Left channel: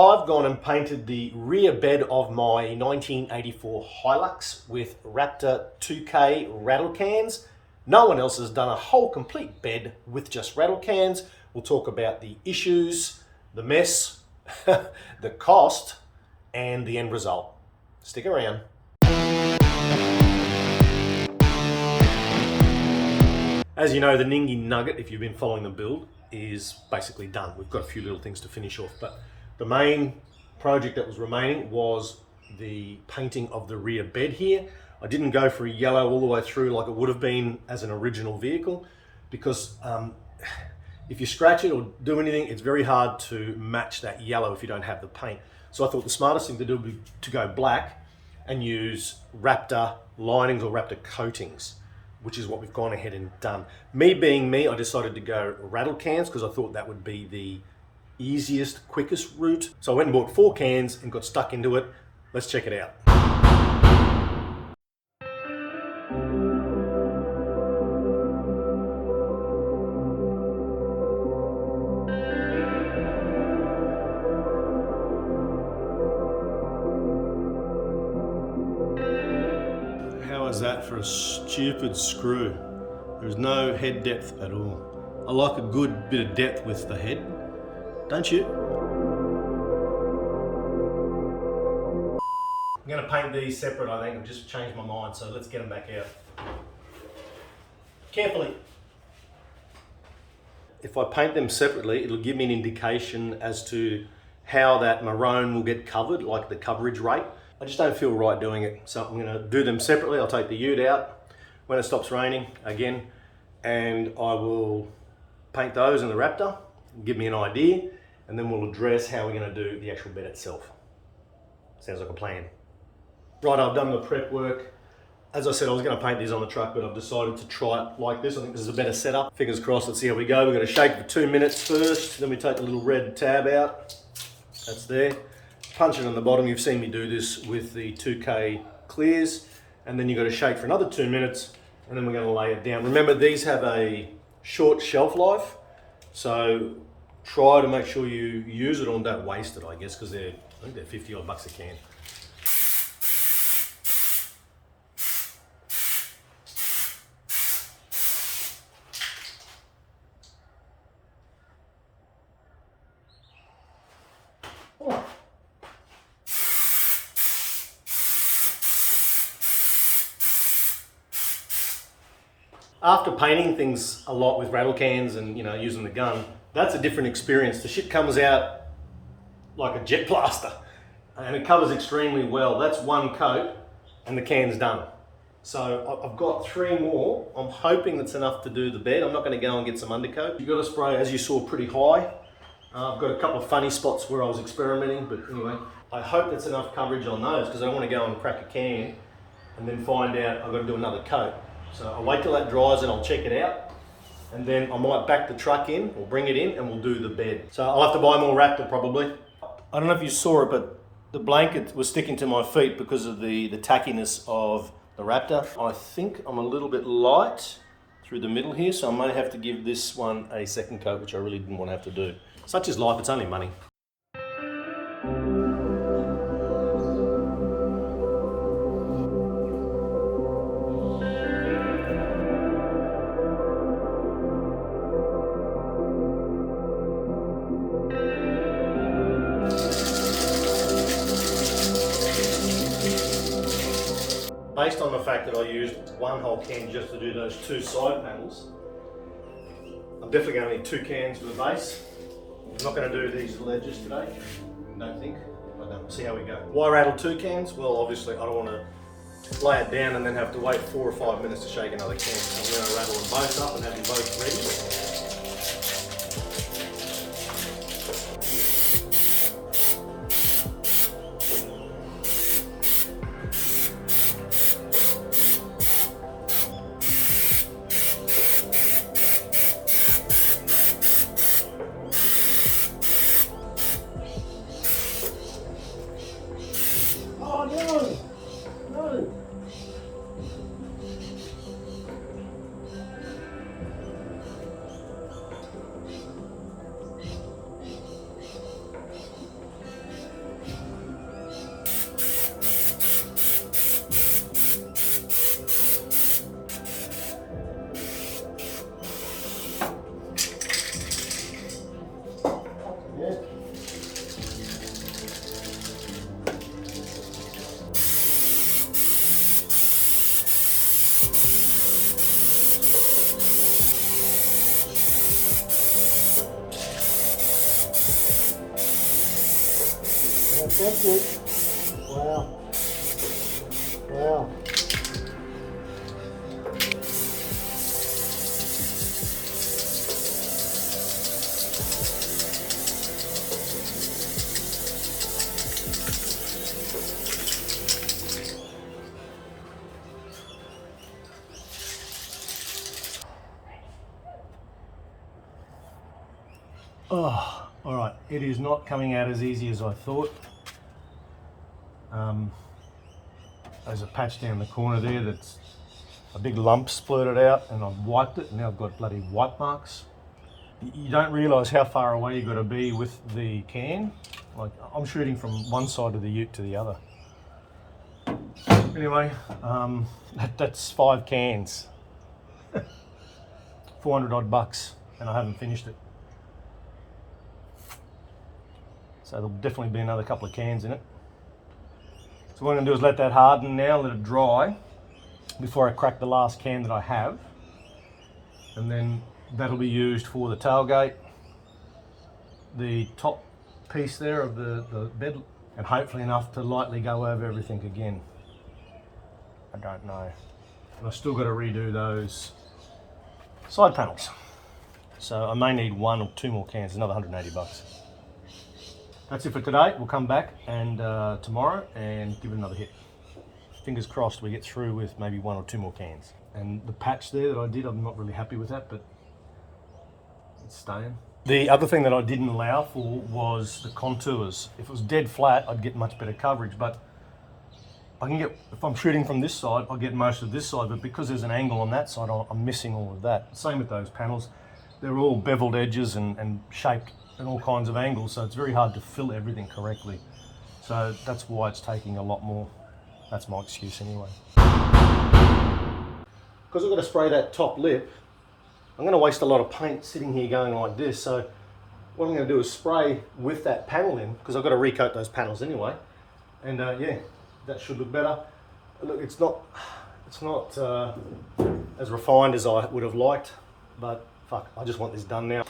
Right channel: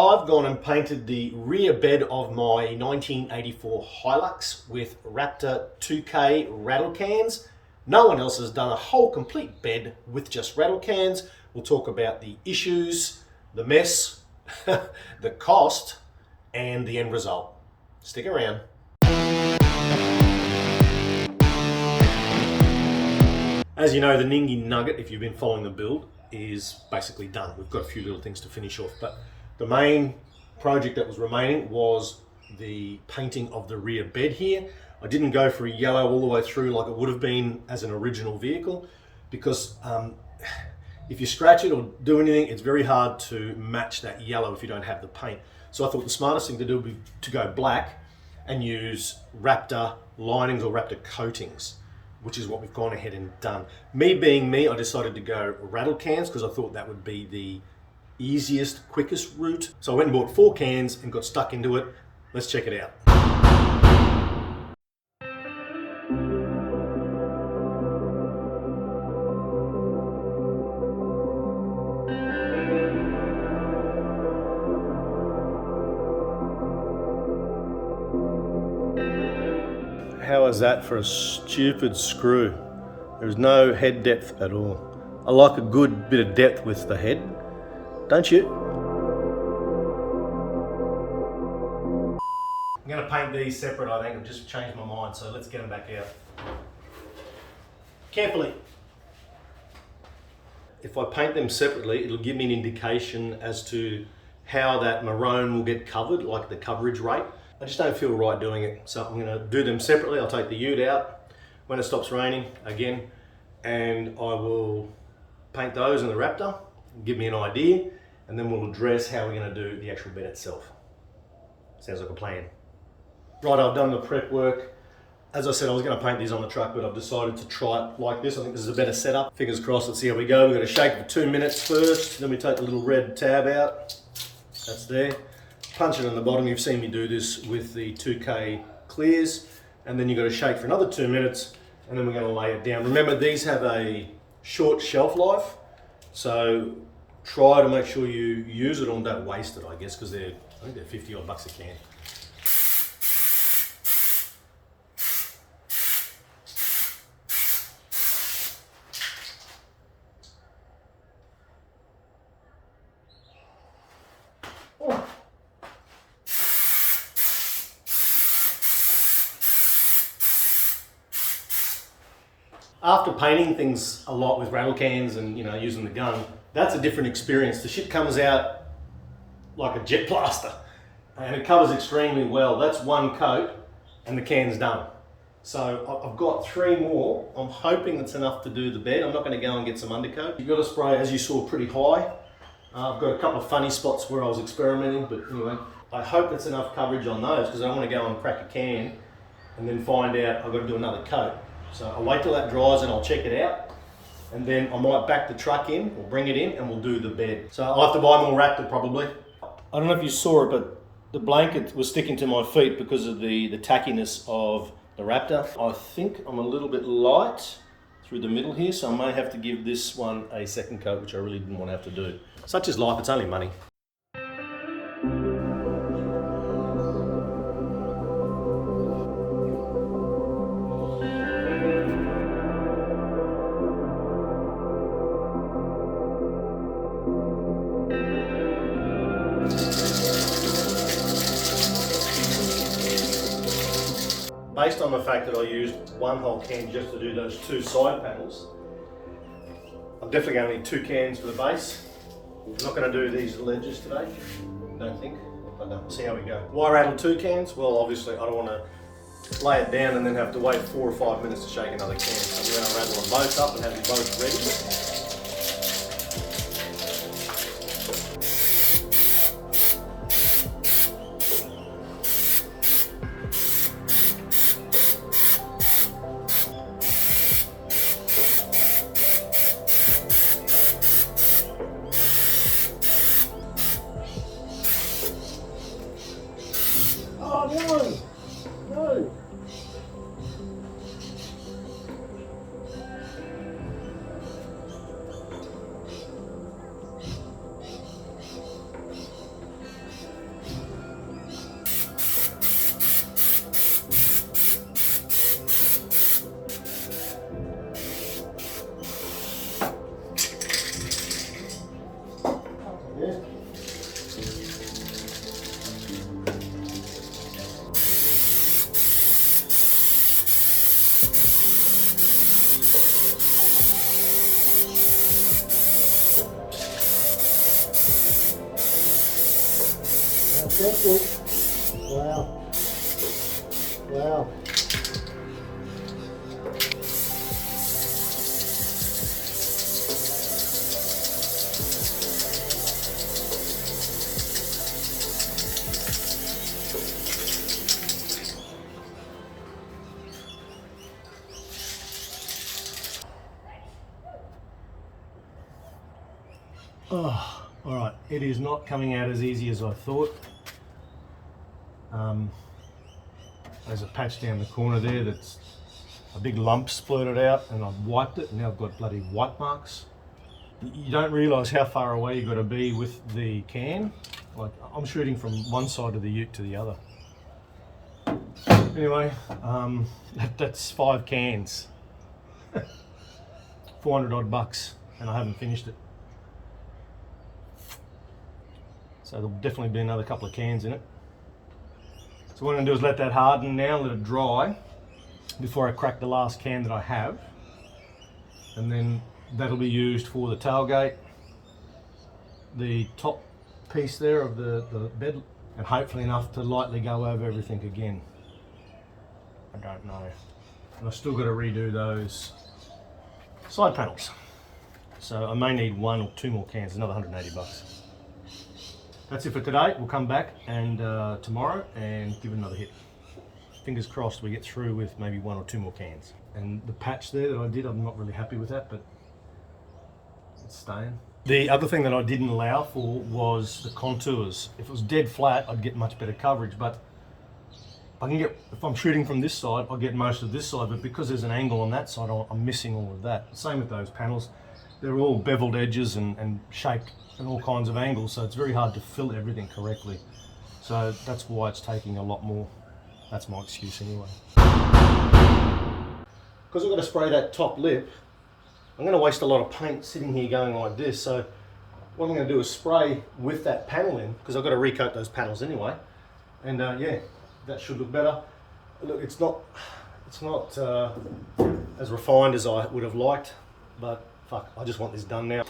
I've gone and painted the rear bed of my 1984 Hilux with Raptor 2K rattle cans. No one else has done a whole complete bed with just rattle cans. We'll talk about the issues, the mess, the cost, and the end result. Stick around. As you know, the Ningi Nugget, if you've been following the build, is basically done. We've got a few little things to finish off, but the main project that was remaining was the painting of the rear bed here. I didn't go for a yellow all the way through like it would have been as an original vehicle, because if you scratch it or do anything, it's very hard to match that yellow if you don't have the paint. So I thought the smartest thing to do would be to go black and use Raptor linings or Raptor coatings, which is what we've gone ahead and done. Me being me, I decided to go rattle cans because I thought that would be the easiest, quickest route. So I went and bought 4 cans and got stuck into it. Let's check it out. How is that for a stupid screw? There's no head depth at all. I like a good bit of depth with the head, don't you? I'm going to paint these separate, I think. I've just changed my mind, so let's get them back out. Carefully. If I paint them separately, it'll give me an indication as to how that maroon will get covered, like the coverage rate. I just don't feel right doing it, so I'm going to do them separately. I'll take the ute out when it stops raining again, and I will paint those in the Raptor, give me an idea, and then we'll address how we're going to do the actual bed itself. Sounds like a plan. Right, I've done the prep work. As I said, I was going to paint these on the truck, but I've decided to try it like this. I think this is a better setup. Fingers crossed, let's see how we go. We're going to shake for 2 minutes first, then we take the little red tab out. That's there. Punch it on the bottom. You've seen me do this with the 2K clears, and then you've got to shake for another 2 minutes, and then we're going to lay it down. Remember, these have a short shelf life, so try to make sure you use it or don't waste it, I guess, because I think they're 50 odd bucks a can. After painting things a lot with rattle cans and using the gun, that's a different experience. The shit comes out like a jet blaster and it covers extremely well. That's one coat and the can's done. So I've got 3 more. I'm hoping that's enough to do the bed. I'm not going to go and get some undercoat. You've got to spray, as you saw, pretty high. I've got a couple of funny spots where I was experimenting, but anyway, I hope it's enough coverage on those because I don't want to go and crack a can and then find out I've got to do another coat. So I'll wait till that dries and I'll check it out, and then I might back the truck in or bring it in and we'll do the bed. So I'll have to buy more Raptor probably. I don't know if you saw it, but the blanket was sticking to my feet because of the tackiness of the Raptor. I think I'm a little bit light through the middle here, so I may have to give this one a second coat, which I really didn't want to have to do. Such is life, it's only money. Based on the fact that I used 1 whole can just to do those 2 side panels, I'm definitely going to need 2 cans for the base. I'm not going to do these ledges today, I don't think. Okay, see how we go. Why rattle 2 cans? Well, obviously I don't want to lay it down and then have to wait 4 or 5 minutes to shake another can. So I'm going to rattle them both up and have them both ready. Oh no! No! Thank you. Wow. Wow. Oh, all right. It is not coming out as easy as I thought. There's a patch down the corner there that's a big lump splurted out, and I've wiped it, and now I've got bloody wipe marks. You don't realise how far away you've got to be with the can. Like, I'm shooting from one side of the ute to the other. Anyway, that's 5 cans. 400 odd bucks, and I haven't finished it. So there'll definitely be another couple of cans in it. So what I'm going to do is let that harden now, let it dry before I crack the last can that I have. And then that'll be used for the tailgate, the top piece there of the bed, and hopefully enough to lightly go over everything again. I don't know. And I've still got to redo those side panels. So I may need 1 or 2 more cans, another 180 bucks. That's it for today. We'll come back and tomorrow and give it another hit. Fingers crossed we get through with maybe 1 or 2 more cans. And the patch there that I did, I'm not really happy with that, but it's staying. The other thing that I didn't allow for was the contours. If it was dead flat, I'd get much better coverage, but I can get, if I'm shooting from this side, I'll get most of this side, but because there's an angle on that side, I'm missing all of that. Same with those panels. They're all beveled edges and shaped in all kinds of angles, so it's very hard to fill everything correctly. So that's why it's taking a lot more. That's my excuse anyway. Because I've got to spray that top lip, I'm going to waste a lot of paint sitting here going like this. So what I'm going to do is spray with that panel in, because I've got to recoat those panels anyway. And yeah, that should look better. Look, it's not as refined as I would have liked, but fuck, I just want this done now.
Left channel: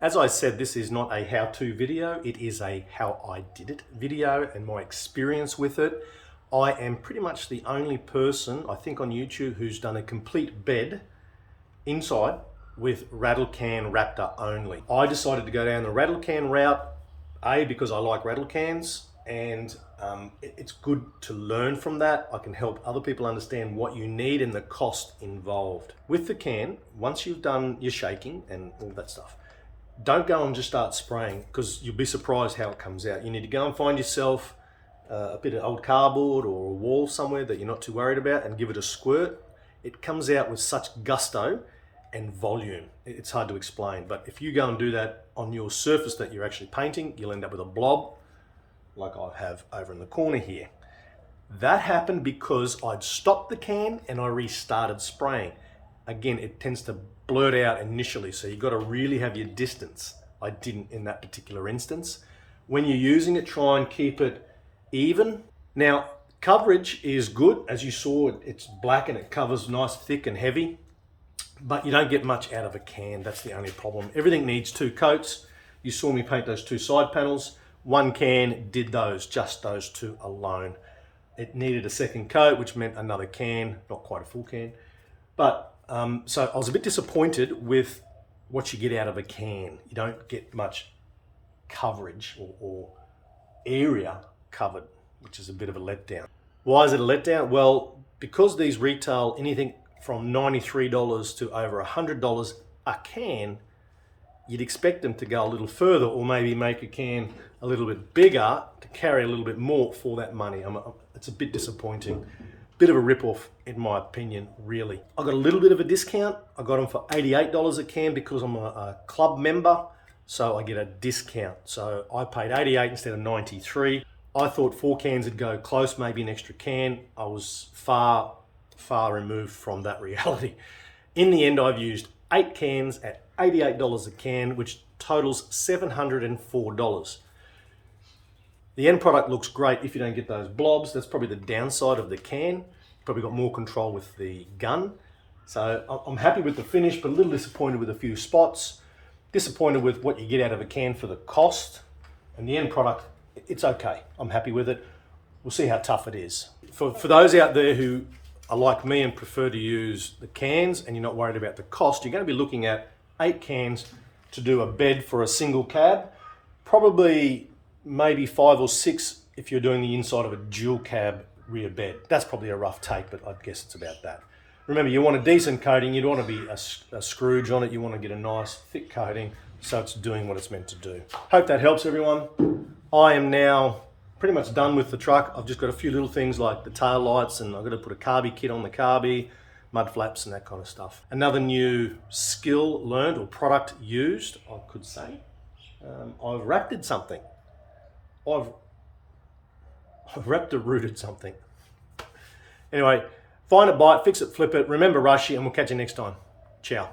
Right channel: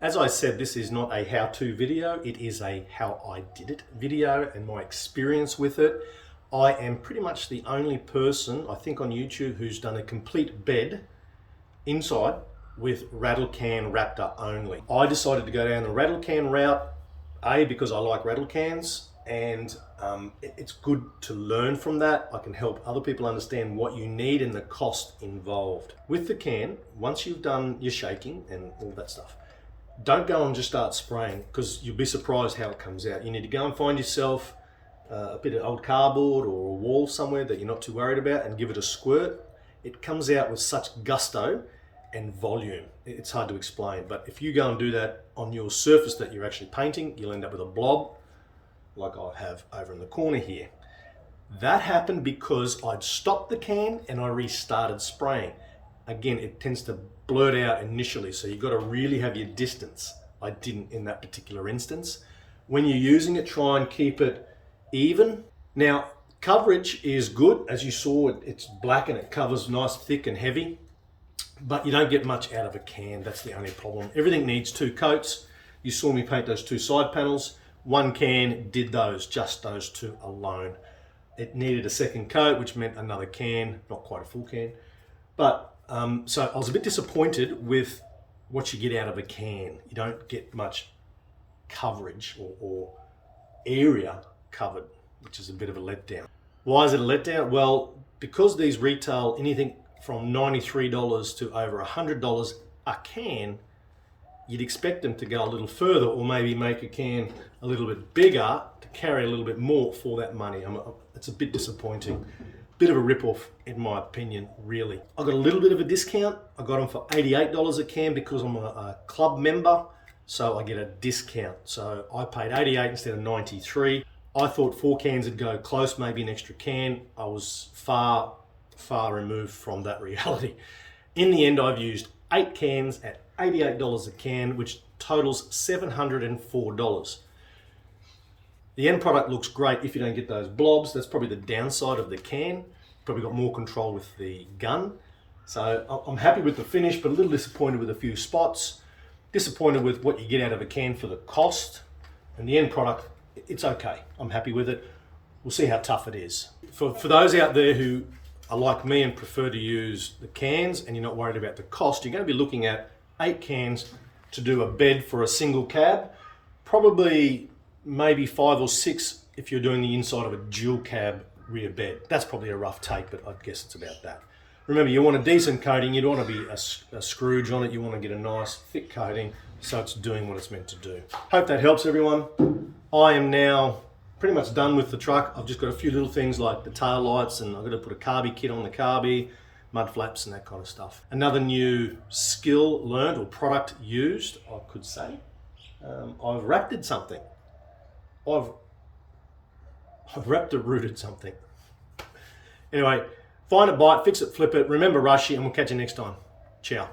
As I said, this is not a how-to video, it is a how I did it video and my experience with it. I am pretty much the only person, I think, on YouTube who's done a complete bed inside with rattle can Raptor only. I decided to go down the rattle can route, A, because I like rattle cans, and it's good to learn from that. I can help other people understand what you need and the cost involved. With the can, once you've done your shaking and all that stuff, don't go and just start spraying, because you'll be surprised how it comes out. You need to go and find yourself a bit of old cardboard or a wall somewhere that you're not too worried about and give it a squirt. It comes out with such gusto and volume. It's hard to explain, but if you go and do that on your surface that you're actually painting, you'll end up with a blob like I have over in the corner here. That happened because I'd stopped the can and I restarted spraying. Again, it tends to blurt out initially, so you've got to really have your distance. I didn't in that particular instance. When you're using it, try and keep it even. Now, coverage is good. As you saw, it's black and it covers nice, thick and heavy, but you don't get much out of a can. That's the only problem. Everything needs 2 coats. You saw me paint those 2 side panels. 1 can did those, just those 2 alone. It needed a second coat, which meant another can, not quite a full can. But so I was a bit disappointed with what you get out of a can. You don't get much coverage or area covered, which is a bit of a letdown. Why is it a letdown? Well, because these retail anything from $93 to over $100 a can, you'd expect them to go a little further, or maybe make a can a little bit bigger to carry a little bit more for that money. It's a bit disappointing. Bit of a rip-off in my opinion, really. I got a little bit of a discount. I got them for $88 a can because I'm a club member, so I get a discount. So I paid $88 instead of $93. I thought 4 cans would go close, maybe an extra can. I was far removed from that reality. In the end, I've used 8 cans at $88 a can, which totals $704. The end product looks great if you don't get those blobs. That's probably the downside of the can. Probably got more control with the gun. So I'm happy with the finish, but a little disappointed with a few spots. Disappointed with what you get out of a can for the cost. And the end product, it's okay. I'm happy with it. We'll see how tough it is. For those out there who are like me and prefer to use the cans and you're not worried about the cost, you're going to be looking at 8 cans to do a bed for a single cab. Probably maybe 5 or 6 if you're doing the inside of a dual cab rear bed. That's probably a rough take, but I guess it's about that. Remember, you want a decent coating. You don't want to be a Scrooge on it. You want to get a nice thick coating so it's doing what it's meant to do. Hope that helps everyone. I am now pretty much done with the truck. I've just got a few little things like the tail lights, and I've got to put a carby kit on the carby, mud flaps and that kind of stuff. Another new skill learned or product used, I could say. I've raptored something. I've Raptor rooted something. Anyway, find a bite, fix it, flip it. Remember Rushy, and we'll catch you next time. Ciao.